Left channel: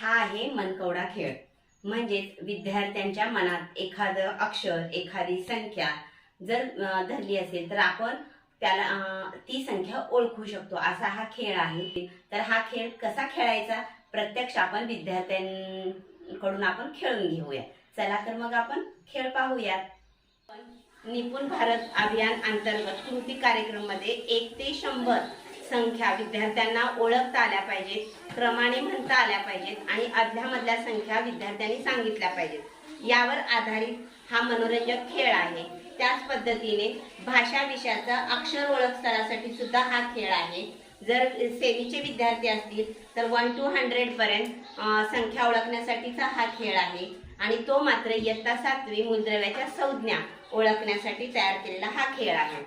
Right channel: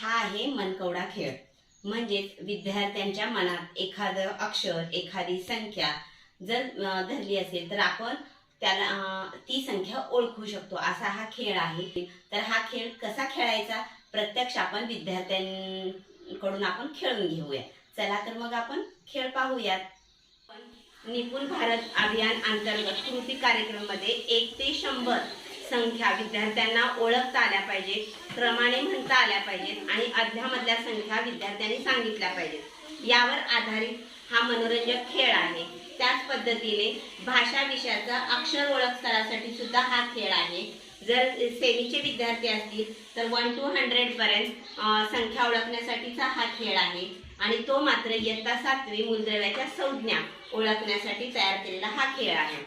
हा आहे मनकवडा खेळ. म्हणजेच विद्यार्थ्यांच्या मनात एखादं अक्षर एखादी संख्या जर धरली असेल तर आपण त्याला ती संख्या ओळखू शकतो. असा हा खेळ आहे. तर हा खेळ कसा खेळायचा? प्रत्यक्ष आपण विद्यार्थ्यांकडून आपण खेळून घेऊया. चला तर मग आपण खेळ पाहूयात. निपुण भारत अभियान अंतर्गत कृती कार्यक्रममध्ये एक ते शंभर संख्या विद्यार्थ्यांना ओळखता आल्या पाहिजेत. क्रमाने म्हणता आल्या पाहिजेत आणि अध्यामधल्या संख्या विद्यार्थ्यांनी सांगितल्या पाहिजेत. यावर आधारित हा मनोरंजक खेळ आहे. त्याच पद्धतीने भाषा विषयाचा अक्षर ओळख स्तरासाठी सुद्धा हा खेळ आहे. जर सेमीचे विद्यार्थी असतील तर वन टू हंड्रेड पर्यंत संख्या ओळखण्यासाठीचा हा खेळ आहे. आणि तो मात्र इयत्ता सातवी मूलद्रव्याच्या संज्ञा ओळखण्यासाठी तयार केलेला हा खेळ आहे.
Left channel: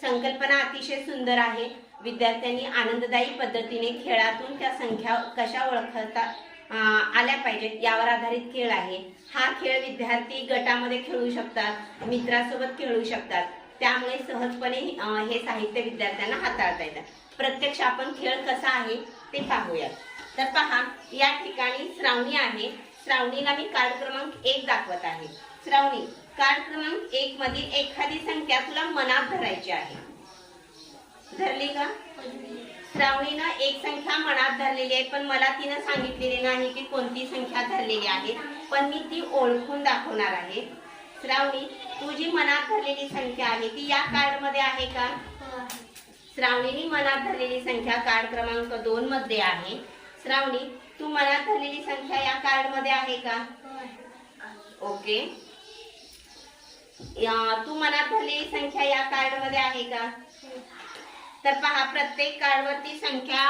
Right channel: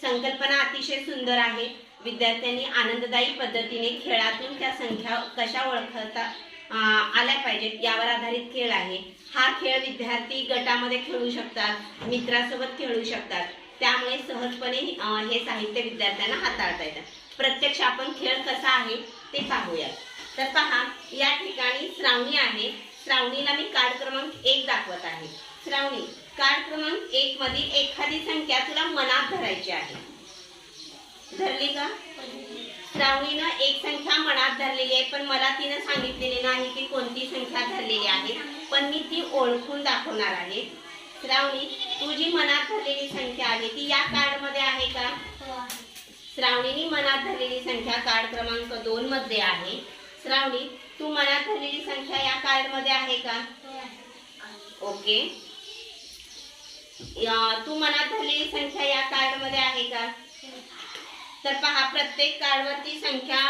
संकल्पना अतिशय सुंदर आहे. विद्यार्थ्यांनी आनंददायी पद्धतीने खेळातून त्या संख्या कशा ओळखता आल्या पाहिजेत यावर आधारित खेळ आहे. हा खेळ विद्यार्थी गटामध्ये खेळू शकतात मित्रासोबत खेळू शकतात. त्यामुळे सहजपणे हे साहित्य विद्यार्थ्यांना हाताळता येतात प्रत्यक्ष आपण खेळ कसा आहे ते पाहूयात. तर पहा या ठिकाणी श्रावणी आहे. श्रावणीला मी कार्ड क्रमांक एक दाखवत आहे. श्रावणी कार्ड क्रमांक एक मध्ये एखादी संख्या तुला मनात धरायची आहे. धरली का? श्रावणीनं एक संख्या मनात धरलेली आहे पण मला तिनं सांगितलेली नाही की कोणती संख्या धरलेली आहे पण मी ती ओळखून दाखवणार आहे. श्रावणी तू जी मनात धरलेली संख्या आहे ती या कार्डमध्ये आहे का? श्रावणीने मनात धरलेली संख्या कार्ड क्रमांक दोन मध्ये आहे. श्रावणी तू मनात धरलेली संख्या या कार्डमध्ये आहे का? ओके. या- तू मनात झालेली संख्या या कार्डमध्ये आहे का? तर पहा प्रत्येक कार्डवरती संख्या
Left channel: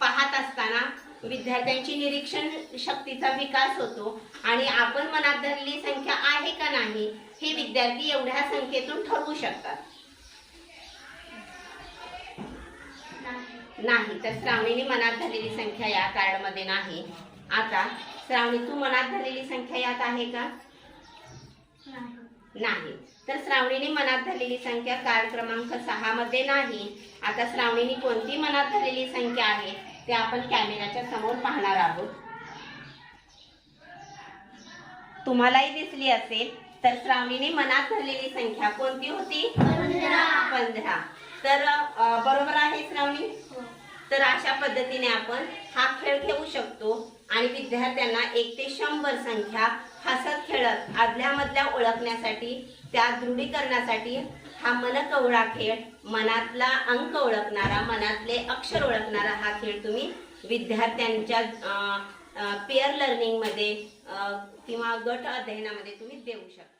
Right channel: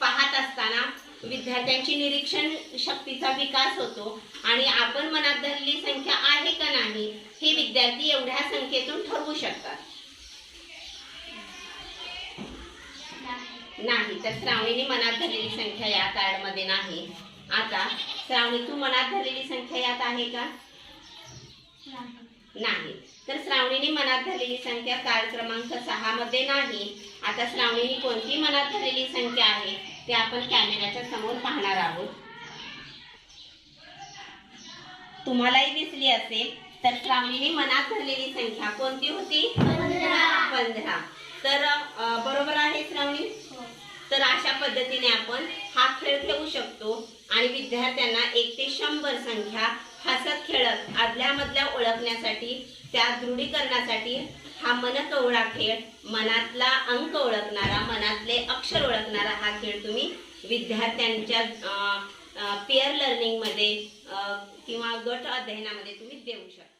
पाहत असताना विद्यार्थ्यांची निरीक्षण शक्तीचा विकास होतो. आणि आपण मनात धरलेली संख्या आहे का नाही हे विद्यार्थी एवढ्या संख्येतून ठरवू शकतात. नाही तर श्रावणीने मनात धरलेली संख्या या कार्डमध्ये नाही. आता श्रावणी तू मनात धरलेली संख्या यात आहे का? नाही. तर श्रावणीने मनात धरलेली संख्या कार्ड क्रमांक सहा मध्ये नाही. आता श्रावणीने कोणती मनात धरलेली संख्या आहे ते आपण कॅमेऱ्याच्या समोर पाहणार आहोत. तुम्हालाही दिसली असेल तर श्रावणीने मनात धरलेली संख्या कोणती होती? पंधरा. तर बरोबर आहे श्रावणी? तर अशा पद्धतीने आपण हा खेळ खेळू शकतो आणि विद्यार्थ्यांना एक ते शंभर संख्या हसत खेळत आदल्यामधल्या ओळखण्यासाठी त्या दृढीकरणासाठी हा मनकवळा खेळ मनातला अंक ओळखणारा मनातले अक्षर ओळखणारा हा खेळ तुम्ही विद्यार्थ्यांच्या पेअर लर्निंगमध्ये किंवा गट अध्ययनामध्ये तुम्ही देऊ शकता.